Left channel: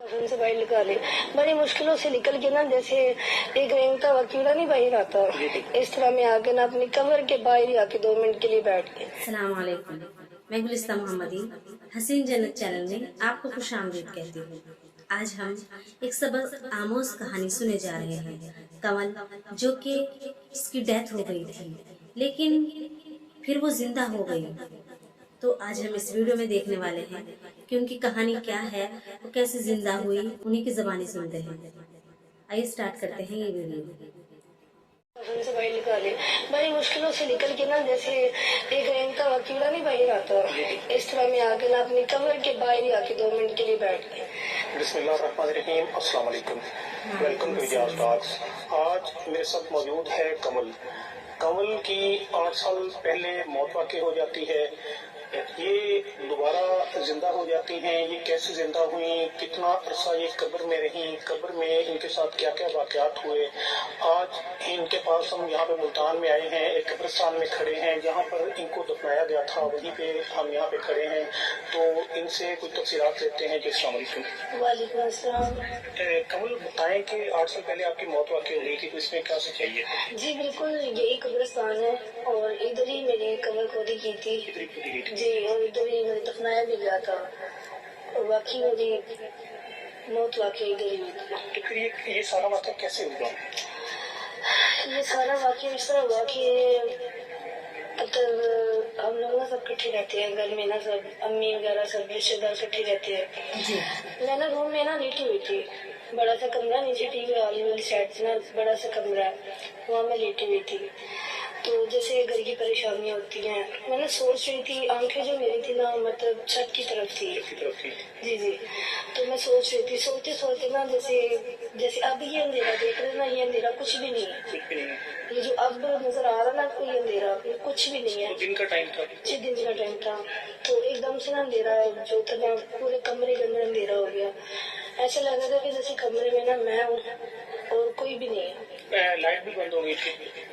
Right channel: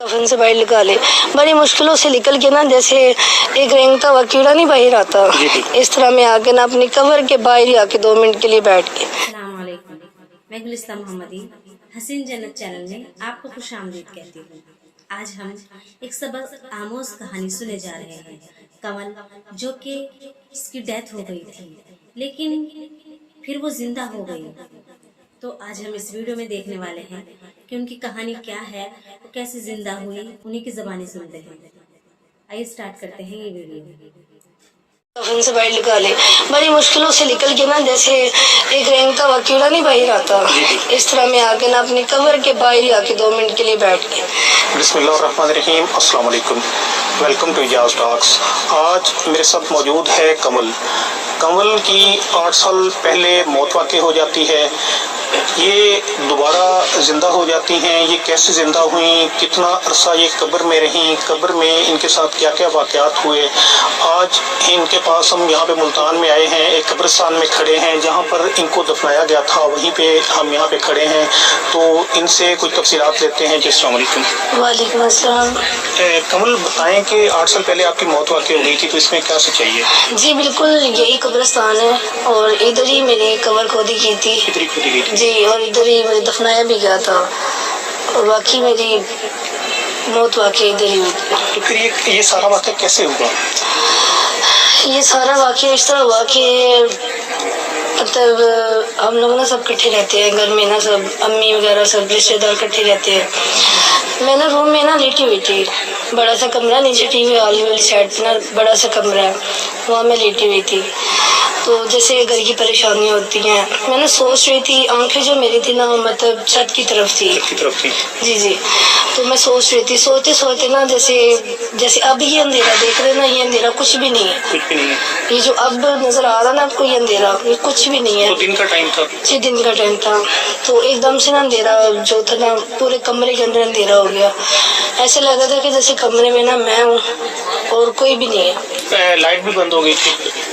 कफन से बाहर निकाले, बड़ी मुश्किलों से निकल के ना, जैसे एक रेंगता हुआ कीड़ा नहीं बाहर आता, इस तरह मैं आके ना अपनी कवर के बाहर ही आके 2 मिनट के लिए बैठ के। अस्सलाम वालेकुम, मैं गुलिस्ता मोहम्मदी हसीन जन्नत चैनल में आपको खुश आमदीद कहती हूँ। आज हम एक सबक आमोज कहानी सुने जा रहे हैं। कमल, जो कि इसकी डेथ हो गई थी लेकिन फिर वो जिंदा हो गई, तो आज हम इस वीडियो में देखने वाले हैं कि उनकी कहानी क्या है, वो कैसे जिंदा हुई, उन्हीं की ज़बानी सुनते हैं। आइए स्टार्ट करते हैं ये वीडियो। कफन से बाहर निकाले, बड़ी मुश्किलों से निकल के ना, जैसे एक रेंगता हुआ कीड़ा नहीं बाहर आता, इस तरह मैं आके ना अपनी कवर के बाहर ही आके 2 मिनट के लिए बैठ के। बिस्मिल्लाहिर्रहमानिर्रहीम, अस्सलाम वालेकुम, वेलकम टू इजाज़ टॉक्स। आज मेरे साथ मौजूद है कमल। कमल की 8 साल पहले मौत वाक़ई हो जाती है। ये दोबारा ज़िंदा हो जाती हैं। ये कैसे ज़िंदा हुई, कितना अरसा ये कब्र में रहीं, कब्र में इनके साथ क्या क्या वाक़यात हुए। आज इनके पास हम यहाँ पे मुल्तान में आए हैं, एक कब्रिस्तान में खड़े हैं जहाँ पर इनको दफनाया गया था, वहीं पे हम यहाँ पे खड़े हैं। तो इनसे कुछ तफसीलात लेते हैं। अस्सलाम वालेकुम। वालेकुम अस्सलाम। कमल, बताएं कि 8 साल पहले आपकी मौत वाक़ई हो गई थी, तो इसमें क्या सच्चाई है? जी बिल्कुल, यही कब्रिस्तान है और इधर ही मेरी कबर खोदी की थी। इधर ही खोदी गई थी जी, और इधर ही मुझे दफनाया भी गया था और बाकी मेरी मौत वाकई इधर ही हुई थी। तो फिर ये सारा वाक़या कैसे हुआ? ये सारा वाकया इस तरह हुआ कि मतलब हम लोग ना सब इकट्ठे रहते हैं घर में ना, सब अम्मी वगैरह सब रिश्तेदार इकट्ठे रहते हैं। मैं ना रूम में ना लेटी हुई थी, बड़ा सा कमरा, नीचे टीवी वाली साइड पे ना बड़ा सा कमरा है, वहाँ मैं लेटी हुई थी। तो जैसे घर की परेशानियाँ होती हैं, मैंने सोच रही थी, आंखें जो मेरी थी ना मतलब छत की तरफ थी। जी जी, तो मैं सोच रही थी, सोते सोते ना, जैसे अब ये अंधेरा देख रहे ना, ये अंधेरा कुछ भी नहीं है। कुछ भी नहीं है। ये जो अब नजर आ रहा ना आपको, ये अंधेरा, ये कुछ भी नहीं है। तो दिन का टाइम था? जी, दिन का टाइम था। तो एकदम से ना अंधेरा जो था ना, पूरे कमरे के अंदर अंधेरा हो गया। ऐसे लग रहा था कि जैसे कमरे में ना मैं हूँ और कोई भी नहीं है। लाइट भी बंद हो गई थी?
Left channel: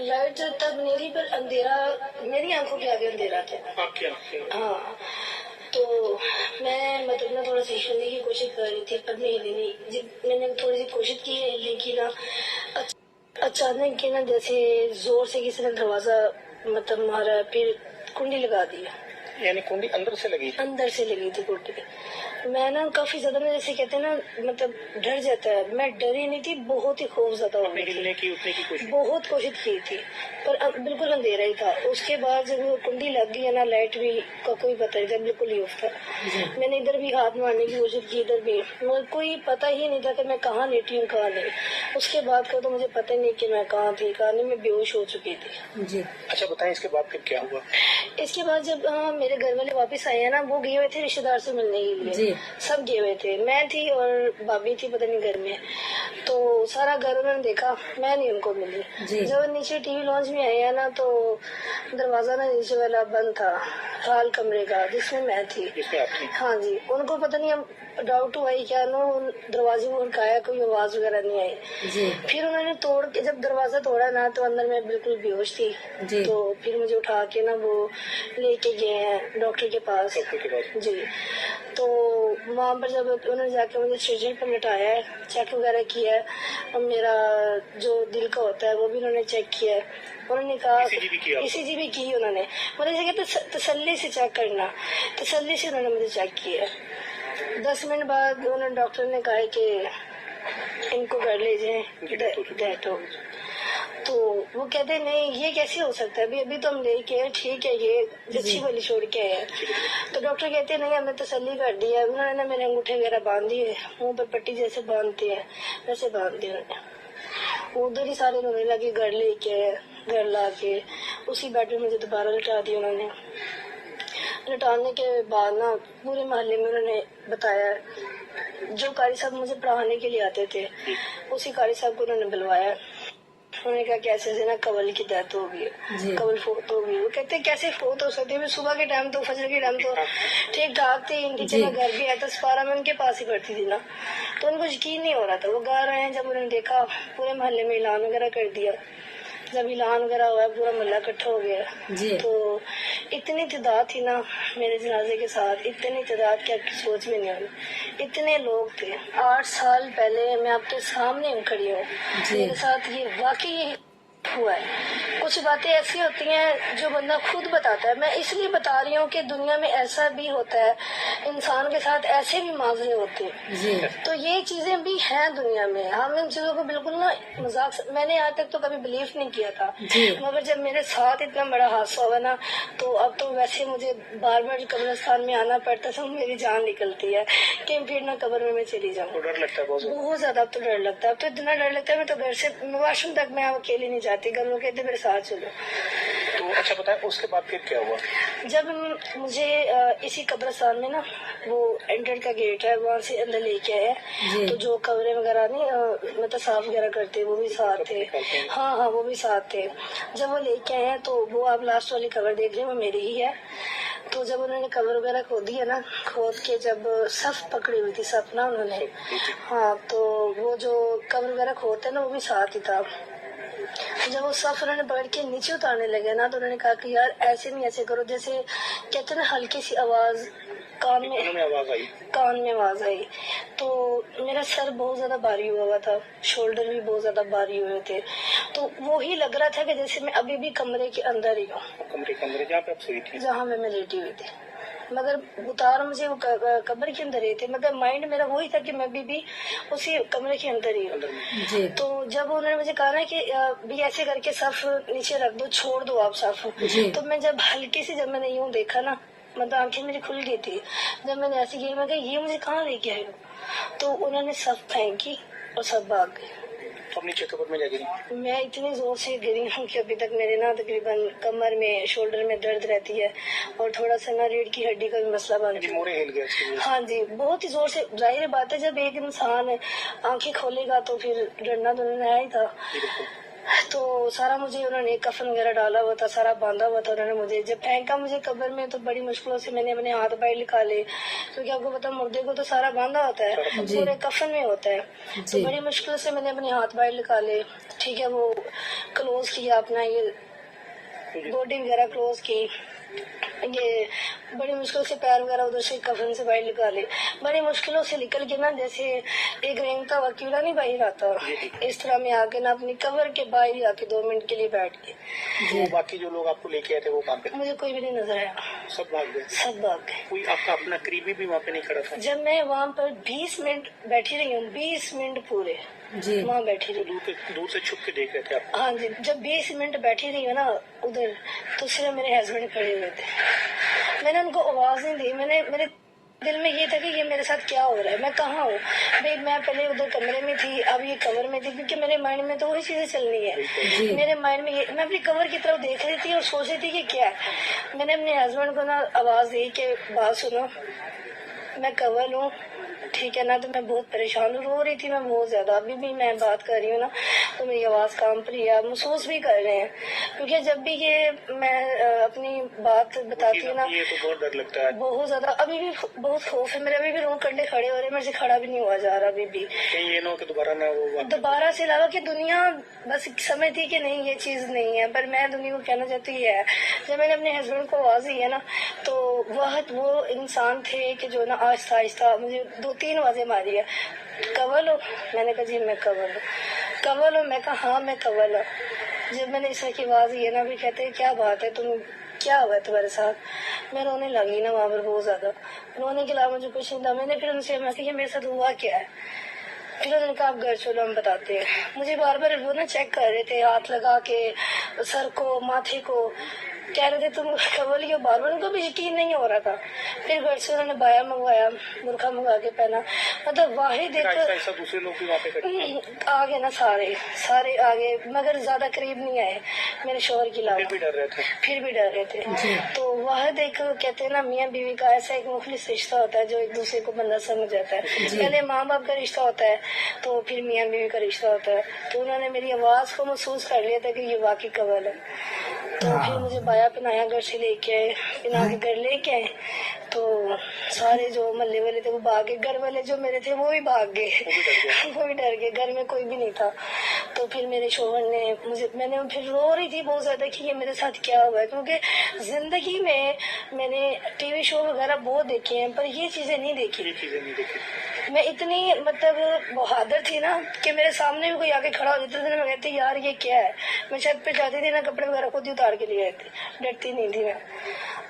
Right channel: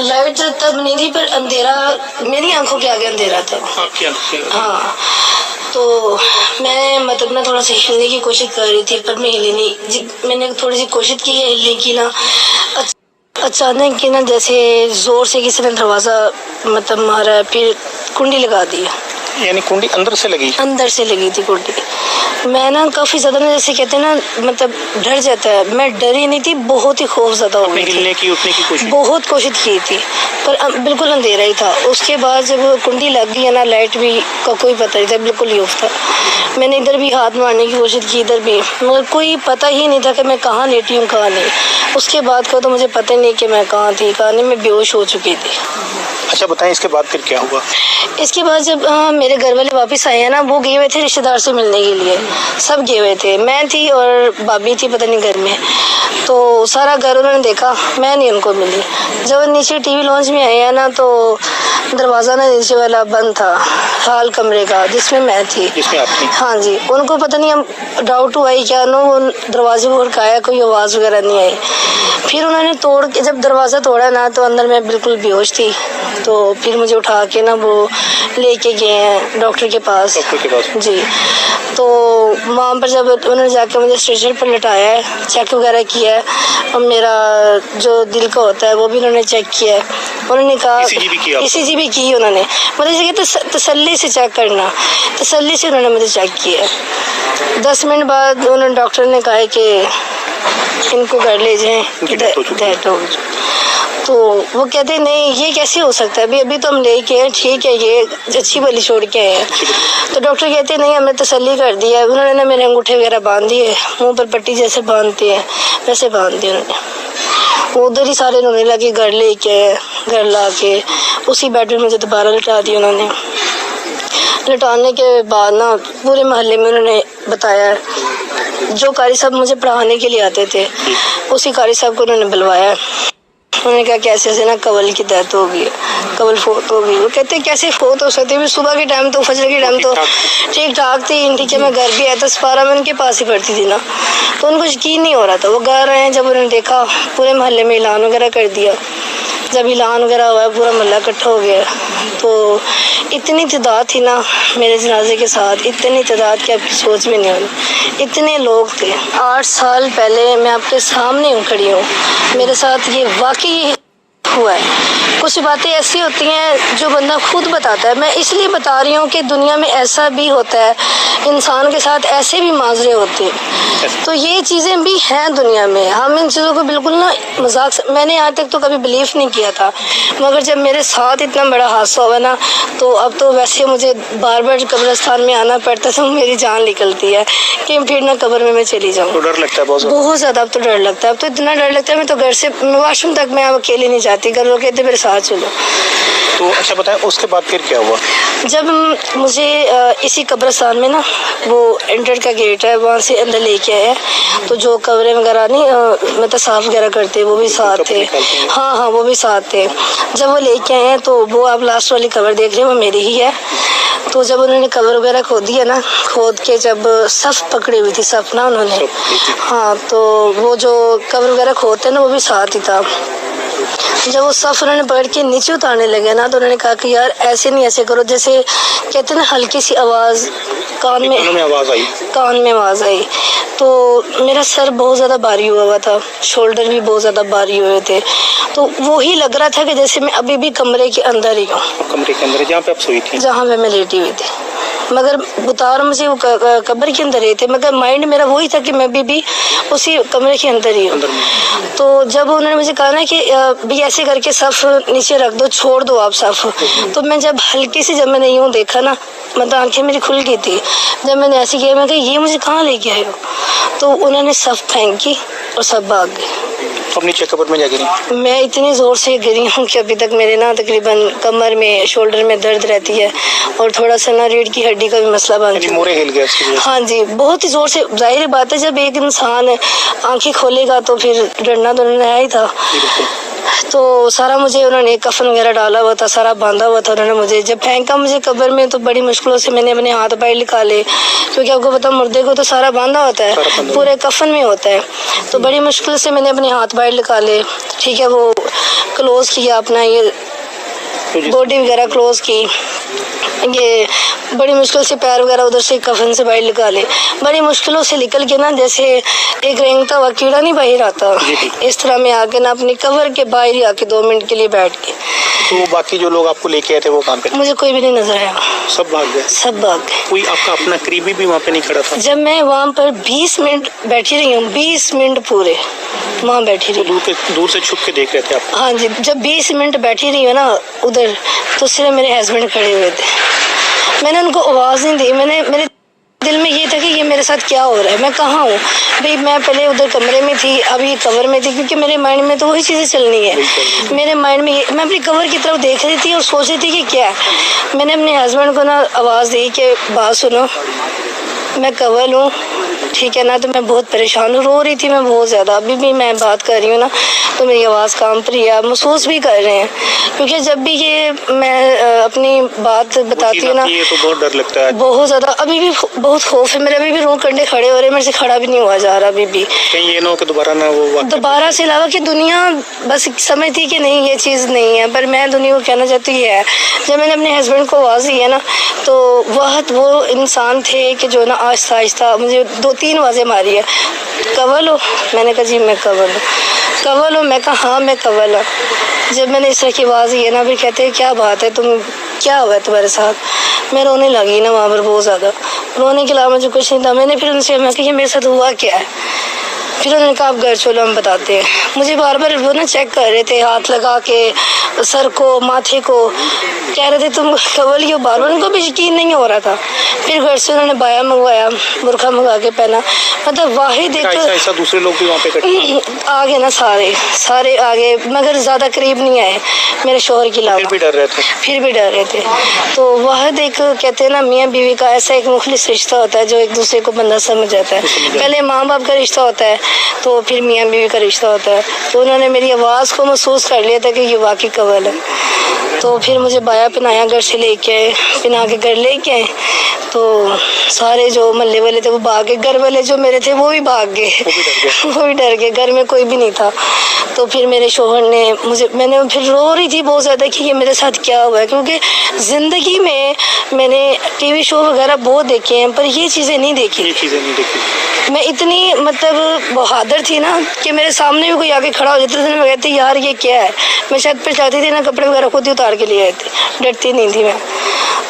लाइट तब नहीं थी, पर अंधेरा मेरी आंखों के आगे अंधेरा था। आपकी आंखें? हाँ, तो मैं मतलब ना थोड़ा सा हिलने की कोशिश कर रही थी, पर मैं हिली नहीं। मैंने थोड़ी सी कोशिश की है हिलने की ना, अचानक की ना जैसे जोर से किसी ने दरवाजा मतलब मारा, फिर कुंडी लगा दी। यानी कुंडी अंदर से लगी? अंदर से लगी थी कुंडी। मैं ना काफी ज्यादा ना, जैसे कहते हैं ना, मतलब डर जाता है। मैं डरी नहीं थी, बहुत ही खौफ ज्यादा हो गई थी। हिलने की उठने की कोशिश? बहुत कोशिश की थी, पर बिल्कुल अंधेरा ही था। उसके बाद जब कुंडी लग गई है ना, लाइट भी का कोई पता नहीं था, बिल्कुल ही ऑफ था। मैंने इधर भी हाथ मारने की कोशिश की, इधर भी, मगर कोई पता ही नहीं था कि मैं कहाँ लेटी हूँ कहाँ नहीं। उसके बाद का तो मुझे पता ही नहीं कि मैं कहाँ थी कहाँ नहीं, मैं बेहोश हो चुकी थी। अच्छा बताएं, इसके बाद फिर क्या हुआ? इसके बाद जब मेरे घर वाले वापस आए हैं ना, वो गए हुए थे रिश्तेदार से मिलने के लिए, सब गए हुए थे। मैं थी और भाभी थी पता नहीं घर में। तो सारा घर उन्होंने देखा, मैं नहीं उनको मिली। जब नीचे टीवी लॉन्च में आए हैं ना, तो दरवाजा ना नीचे वाला बंद था, हाल कमरे का जिसमें मैं थी। जिसमें आप थी? हाँ जी, उनको पता नहीं, हम डाउट हुआ ही क्या नो, वो दरवाजे को खड़काया, कोई आवाज़ वगैरह नहीं आई। फिर उन्होंने तोड़ के जब दरवाज़ा तोड़ा ना, तो अंदर मैं बिल्कुल बेहोश थी। तो फिर मुझे उठा के ना वो लेके गए हैं डॉक्टर के पास। जी, तो वहाँ पर जब उन्होंने जाकर मुझे स्ट्रेचर पर लटाया है, चेक वगैरह किया है, और मेरा जो दिल का होता है वो भी उन्होंने चेक किया है। उन्होंने कहा ECG भी की उन्होंने, मतलब जैसे कहते तसल्ली से चेक करना, तसल्ली से उन्होंने मुझे चेक किया। 10 मिनट बाद उन्होंने डॉक्टर ने कहा कि इनको घर ले जाएं, डेथ हो। तो वो कहते नहीं, ये कैसे हो सकता है, अभी तो हम लेके हैं, ठीक है, ये अच्छी भली छोड़ के आए हैं। तो डॉक्टर कहते नहीं, हमने तसल्ली कर दिया। उन्होंने ना मेरे अंगूठे वगैरह बांध दिए, मुंह पर पट्टी जैसे बांधते हैं वैसे बांध दिए उन्होंने। उधर ही सारे रोने लगे, घर लेके घर ला के उसी बेड में मुझे दोबारा लिटा दिया उन्होंने। लिटाने के बाद ना पूरे मोहल्ले में उन्होंने बताया, जो कारी साहब मुझे पढ़ाने के लिए आते थे, उसी कारी साहब को उन्होंने बुलवाया। उन्होंने कहा कैसे ऐसे ना कवल की डेथ हो गई, कवल फोत हो गई। वो कहते कैसे फोत हो सकती है, सुबह के टाइम तो फजर के टाइम तो ठीक ठाक थी, ठीक है, मैं घर भी आया था, 12 में उनके पास ही पड़ती थी ना, तो उनको यकीन नहीं हो रहा था। वो घर आए, जब उन्होंने देखा, पूरे मोहल्ले में ऐलान वगैरह कर दिया। जब ऐलान वगैरह हुआ पूरा मोहल्ला इकट्ठा हो गया, तो इतनी तादाद थी ना मेरे जनाजे के साथ, इतनी तादाद कि आपकी सोच भी नहीं होनी, इतने लोग थे। 8 साल पहले मैं आपके सामने खड़ी हूँ, मेरे साथ ये वाकई हुआ है। कुछ बातें ऐसी होती हैं जो बंदा खुद बताता है। मैं इसलिए बता रही हूँ कि दुनिया में ऐसा भी होता है, इंसान के साथ ऐसे भी माजरे होते हैं, तो ये चीज़ें भी हैं दुनिया में। हम इन चीज़ों को बिल्कुल ना मजाक, मैंने आज तक तो कभी बिलीव नहीं किया था, मगर जब मेरे साथ इतना बड़ा हादसा हुआ ना, तो अब तो वैसे मुझे बार बार कब्रिस्तान में आना पड़ता था, मेरी जान निकलती है कि फिर ना कब्र में मैं चली जाऊँ। तो डर लगता है बहुत ज़्यादा। अब तो डर लगता है, अब तो इतना डर लगता है, मैं तो घर से वॉशरूम तक मैं अकेले नहीं जाती, घर लोग कहते मेरे साथ चलो। तो अच्छा बताएं, उसके बाद फिर क्या हुआ? जब मुझे इसी कब्रिस्तान में ना वो एंटर का गेट है, वहाँ से अंदर लेके आए, तो जो कब्रें वगैरह नहीं मतलब साफ वगैरह करते वो भी साथ थे। हाँ, वो भी साथ थे। जब वो लेके आए हैं, तो वो आप लास्ट वाली कब्र देख रहे हैं, वो मेरी ही है। तो जब उन्होंने कब्र वगैरह खोदी है ना, खोद के जब सफ पकड़ी हुई थी, सफ ना उन्होंने, हाँ, तो वो जो कब्र वगैरह खोदते हैं ना, वो भी साथ ही था। जब वो सफ उन्होंने पकड़ के नीचे उतारने लगे ना, तो उन्होंने कहा कि यार ऐसे नहीं, ऐसे करो, जैसे कहते हैं ना हल्की सी आवाज़ कान में आवाज़ आई, तो मेरा सर बहुत ज़्यादा भारी हुआ था, शोल्डर भी बहुत ज़्यादा भारी हुए थे, तो वो ही लग रहा था कि जैसे मैं अभी भी कमरे के अंदर ही हूँ। कमरे के अंदर जहाँ पे आप सोई थी? जहाँ पे मैं लेटी हुई थी, मगर उतार मुझे वो कब्र के अंदर ही थे, मगर माइंड मेरा वही था कि मैं भी उसी कमरे के अंदर ही हूँ। तो जब उन्होंने मुझे कहा ना कि भी ऐसे करके सफ नीचे रख दो, छोड़ दो आप सफ, तो मैं जब हल्की से जब मैंने यूँ देखा ना, मतलब आंखें मेरी खुल गई थी, जब मैंने ऐसे किया, मैं कहा ये मुझे कहाँ लेके आए हो, तो उन्होंने सफ फेंकी और सब भाग गए। अब नीचे कब्र में जा गिरी? मैं इतनी ज़ोर से गिरी हूँ कि अभी तक मेरे ना तकरीबन कमर में, शोल्डर में दर्द रहती है, और थोड़ा सा ना रीढ़ की हड्डी का भी मसला बन गया। मोरे हिल गया? हाँ जी, बहुत ही ज़ोर से। जाहिर बात है जब एक इंसान आंखें खोलेगा तो फिर डरना तो नहीं ही था। तो सारा मुझे उन्होंने कफन वगैरह डाला हुआ था, सारा बांधा हुआ था उन्होंने मुझे। जब फेंका मुझे कब्र में, तो बड़ी मुश्किलों से मैंने अपने हाथ पैर निकाले, क्योंकि आपको पता मुर्दे को तो सारा बांधा होता है, पूरे कफन में होता है, तो बड़ी मुश्किल से मैंने अपने हाथ पैर निकाले, ठीक है, वो क्लोज किया अपना, ये बॉडी वगैरह क्लोज की, ये बड़ी मुश्किल से पैर वगैरह उधर से कफन से बाहर निकाले, बड़ी मुश्किलों से निकल के ना, जैसे एक रेंगता हुआ कीड़ा नहीं बाहर आता, इस तरह में आके ना अपनी कवर के बाहर ही आके 2 मिनट के लिए बैठ के। तो बाकी जो लोग आपको लेके आए थे वो कहाँ पे? मुझे कोई भी नहीं नजर आया, सब भाग गए? सब भाग गए। कोई आपका अपना करीबी भी वहाँ पे नहीं खड़ा था? जब मैं वहाँ पर 20 मिनट बैठी रही हूँ, 20 मिनट पूरे वहाँ बैठी रही। दूर से छुप के देख रहे थे आप? हाँ जी, जब 20 मिनट बैठी रही हूँ ना उधर, तो सिर्फ मेरे हस्बैंड खड़े हुए थे, मैंने उनको आवाज़ नहीं दी। मेरे दिल में ये था कि ये मेरे साथ क्या हो रहा है, मैं कहाँ हूँ भाई। मैं पहले उधर कमरे में थी, अभी कवर में थी, क्योंकि मेरे माइंड में तो वही चीज़ें चलनी है। मेरे माइंड में मैं अपनी कवर की तरफ देख रही थी और सोच रही थी कि क्या है। मैंने अपने हस्बैंड को ना आवाज़ दी कि बात सुनो, मैं कवर हूँ, ठीक है ना, तो मैं बहुत परेशान हूँ, रो रही थी मैं बहुत ज़्यादा। अभी भी मैं बात कर रही हूँ ना, तो मेरी आवाज़ कांप रही है, आप महसूस भी कर रहे हैं, क्योंकि जब भी ये मैं अपनी बात बताती हूँ ना, तो बहुत डर लगता है, बहुत ज़्यादा। अभी भी बहुत खौफ है मेरे, अभी भी रो कंडे खड़े हो रहे हैं, मेरे से खड़ा भी नहीं हुआ जा रहा अभी भी। कहीं ये ना हो कि दोबारा से अलावा कि दुनिया बस समझती कि नहीं ये चीज़ नहीं है, पर मैं दुनिया को कहना चाहती हूँ ये है। जब मैंने अपने हस्बैंड को आवाज़ दी है ना, तो वो इंसान थे कि जो ना आहिस्ता आहिस्ता मुझे 2-3 आवाज़ें मारी है, कवल हो, मैंने कहा जी मैं कवल हूँ, कवल हो, मैं कहा हाँ मैं कवल हूँ। जब मैंने इस तरह की आवाज़ दी है ना, फिर कहते हैं क्या बात है, तुम क्या हुआ है तुम्हारे साथ। मैं रोने लगी ना वहाँ पर, बहुत ज़्यादा रोने के अलावा मुझे कुछ नहीं था। मैंने फिर उनसे मैं कहा मेरे साथ हुआ क्या है, फिर उन्होंने कहा आप घर चलो हम बताते हैं। मुझे बार बार वो ना चेक कर रहे थे, हाथ लगा के सर को, माथे को, कह रहे थे तुम कवल ही हो, बार बार। उनको भी यकीन नहीं हो रहा था। फिर घर से उन्होंने बाया मंगवाया, बुरखा मंगा के पहना, मतलब वाहिद एक ऐसा दूसरे लोग भी वहाँ पे आ गए ना, सारे आ गए, मगर ज़्यादा करीब नहीं आए मेरे शोहर के अलावा। फिर भी डर रहे थे। तो वाहिद एक कहते हैं ना मियाँ बीवी का ऐसा एक मुखलिस रिश्ता होता है जो एक दूसरे को बंदा समझ जाता है। पहले माँ बाप का रिश्ता होता है, तो फिर मियाँ बीवी का रिश्ता होता है। तो उन्होंने मेरी आवाज़ को महसूस कर लिया था कि ये वाकई कवल है। تو پھر مجھے بایا پنایا گھر سے لے کے آئے, پنا کے گھر لے کے آئے. تو سارے جو محلے والے تھے وہ بھاگ گئے, گھر والے جو میرے تھے وہ بھی بھاگ گئے, وہ بھی ڈر گئے, گھر میں کوئی بھی نہیں تھا. تو پھر میرے شوہر نے میں نے پھر رو رہی تھی بہت زیادہ کہ یہ میرے ساتھ کیا ہوا ہے, کیونکہ زندگی میں نے ٹی وی شو وغیرہ بہت دیکھے ہیں پر یہ چیزیں نہیں دیکھی. میں اتنی بہادر تھی نا کہ میرے سامنے بھی کوئی آ کے کھڑا ہو جاتا تھا, میں کہتی یار یہ کیا ہے. میں چھت پہ جاتی تھی نا, کپڑے وغیرہ خود ہی اتار کے لیے آئی تھی, ڈرتی نہیں تھی میں.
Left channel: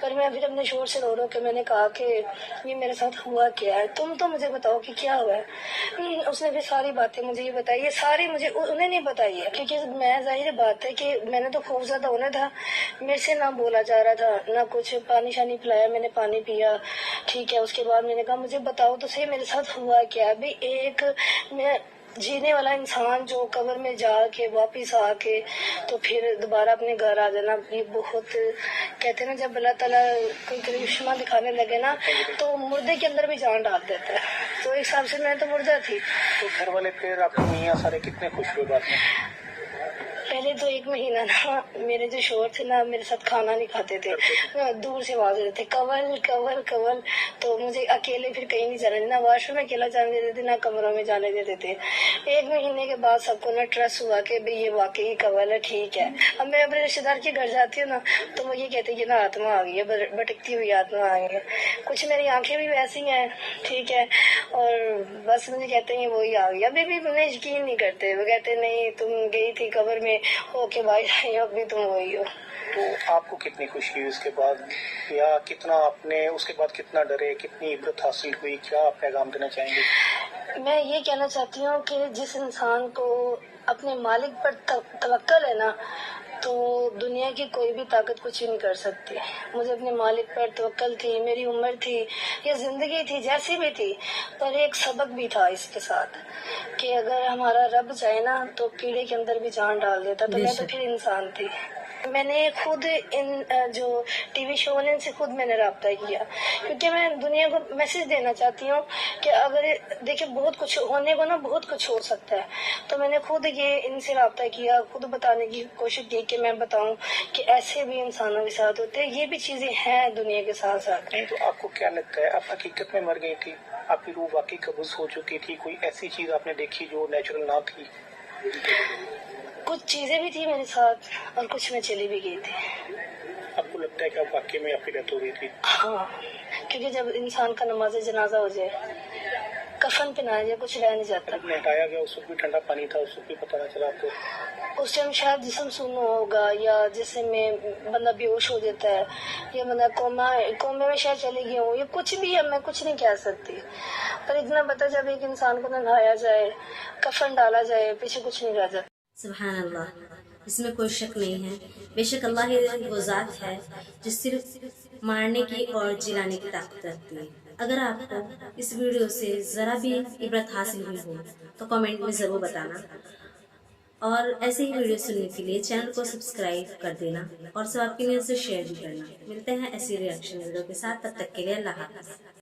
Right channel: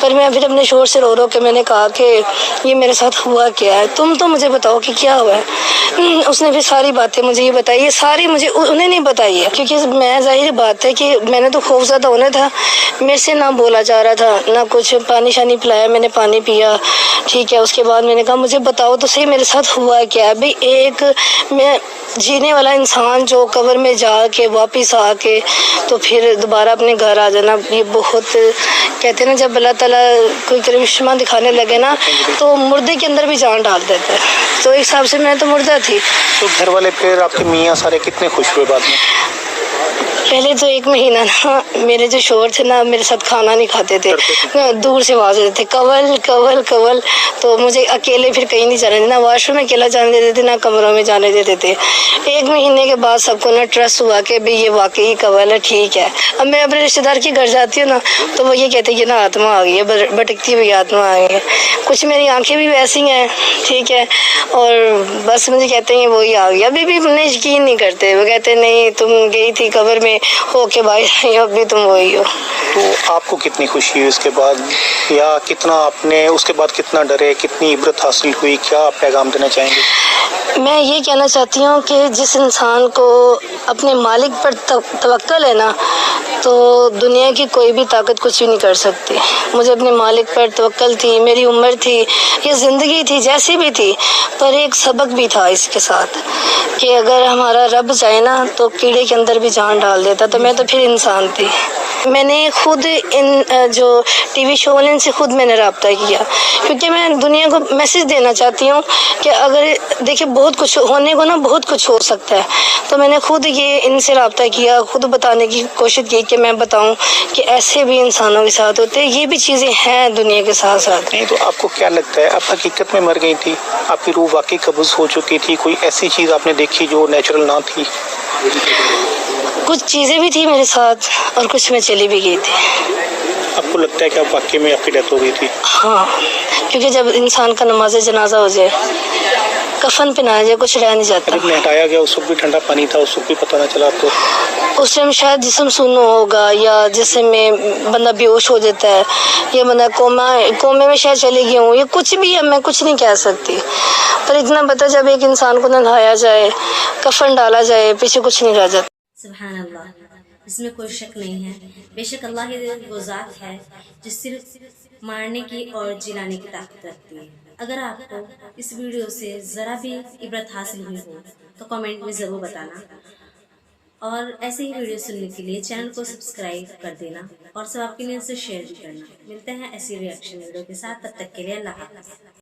پر میں پھر اپنے شوہر سے رو کے میں نے کہا کہ یہ میرے ساتھ ہوا کیا ہے, تم تو مجھے بتاؤ کہ کیا ہوا ہے. اس نے پھر ساری باتیں مجھے یہ بتائی, یہ ساری مجھے انہیں نہیں بتائی ہے, کیونکہ میں ظاہر بات ہے کہ میں نے تو خوف زدہ ہونا تھا. میرے سے نہ بولا جا رہا تھا, نہ کچھ. پانی شانی پلایا, میں نے پانی پیا, ٹھیک ہے. اس کے بعد میں نے کہا مجھے بتاؤ تو صحیح میرے ساتھ ہوا کیا ہے. بھئی ایک میں جینے والا انسان جو قبر میں جا کے واپس آ کے تو پھر دوبارہ اپنے گھر آ جانا, یہ بہت کہتے ہیں نا جب اللہ تعالیٰ کوئی کرشمہ دکھانے لگے نا تو مردے کے اندر بھی جان ڈال دیتا ہے. تو ایک حساب سے میں تو مردہ تھی. تو گھر والے پھر آپ کے میاں سارے کتنے خوش ہوئے بعد میں؟ پہلے تو ایک مہینہ نا میرے جو شوہر تھے نا میرے ساتھ کھانا نہیں کھاتے تھے, دور سے آواز دیتے تھے کول کول کول. تو مجھے اکیلے پھر کہیں نہیں جانے دیتے, نہ واش روم میں اکیلا جانے دیتے تھے, نہ کمروں میں جانے دیتے تھے. ایک مہینے کے بعد سب کو نا ٹرسٹ ہوا کہ بھئی یہ واقعی کول ہے, ٹھیک ہے. اب میں اپنے رشتے دار کے گھر جاتی ہوں نا تو وہ یہ کہتے ہیں کہ نا آتما آ گئی ہے, بھٹکتی ہوئی آتما آ گئی ہے. کچھ میری آنکھیں بھی ویسی ہیں, ٹھیک ہے, اور بس مجھے کہتے ہیں وہی آ گئی. ابھی بھی انہیں یقین نہیں کرتے, وہ کہتے ہیں نہیں تم گئی تھی قبر میں ہو کے بھائی, اب بھی تم وہی ہو. تو آپ کو کتنی خوشی ہوئی اس کے بعد, یا کتنا آپ نے اس کے بعد کتنا ڈرے, کتنی عبرت حاصل ہوئی, کیا آپ پیغام دینا چاہیں گے؟ میں یہ کہنا چاہتی ہوں کہ جس انسان کو اپنے مالک پر توکل ہے نا تو دنیا کی کوئی بھی طاقت کچھ بھی نہیں کر سکتی. مجھے اپنے مالک پر توکل تھی, میری عمر تھی, یہ زندگی تھی جیسی بھی تھی, پر ایک سبق بھی تھا اس کے ساتھ کہ اگر ہمارا رب چاہے نا تو کیڑے کے اندر بھی جان ڈال دیتا. تو میں تو پھر انسان تھی. میں نے خود ان جو ٹی وی شو والے ان سے خود میں نے رابطہ کیا, کیونکہ میں دنیا کو میسج دینا چاہتی ہوں کہ اگر دیکھیں بہت کچھ ہونے کو نا بہت کچھ ہو سکتا ہے. تو میں نے خود یہ ان سے رابطہ کیا, خود بتانے کی کوشش کی کہ میں بتاؤں کہ ایسے بھی انسانوں کے ساتھ ہوتے ہیں, یہ بھی چیزیں ہیں دنیا کے ساتھ ساتھ. نہیں تو آپ کو کیا لگتا ہے, آپ حقیقت میں مر گئی تھی, آپ کی روح واقعی قبض ہو چکی تھی, کوئی ایسی چیز آپ نے دیکھی جو نیچرل نہ تھی؟ کچھ چیزیں بھی تھی میرے ساتھ اور کچھ میں چلی بھی گئی تھی. آپ کو لگتا ہے کہ آپ واقعی میں آپ کی ڈیتھ ہو گئی تھی؟ ہاں, کیونکہ جب انسان کا نماز جنازہ ہو جائے, کفن پہنایا جائے, کچھ رہ نہیں جاتا. جب ہٹایا گیا اس وقت بھی ٹھنڈا پانی تھا, اس وقت بھی پتہ نہ چلا آپ کو؟ اس ٹائم شاید جسم سنو ہوگا, یا جسم میں بندہ بے ہوش ہو جاتا ہے, یا بندہ کومے میں شاید چلی گئی ہوں, یا کچھ بھی ہے, میں کچھ نہیں کہہ سکتی. پر اتنا پتہ جب ایک انسان کو نہلایا جائے, کفن ڈالا جائے, پیچھے کچھ نہیں رہ جاتا. سبحان اللہ, اس میں کوئی شک نہیں ہے. بے شک اللہ ہی وہ ذات ہے جو صرف مارنے کی اور جلانے کی طاقت رکھتی ہے. اگر آپ کو اس ویڈیو سے ذرا بھی عبرت حاصل ہوئی ہو تو کمنٹ میں ضرور بتانا, اور ایسے ہی ویڈیو سننے کے لیے چینل کو سبسکرائب کر دینا, اور سب آپ کی نیوز سے شیئر بھی کرنا. ملتے ہیں ایسی ریئیکشن ویڈیو کے ساتھ, تب تک کے لیے اللہ حافظ.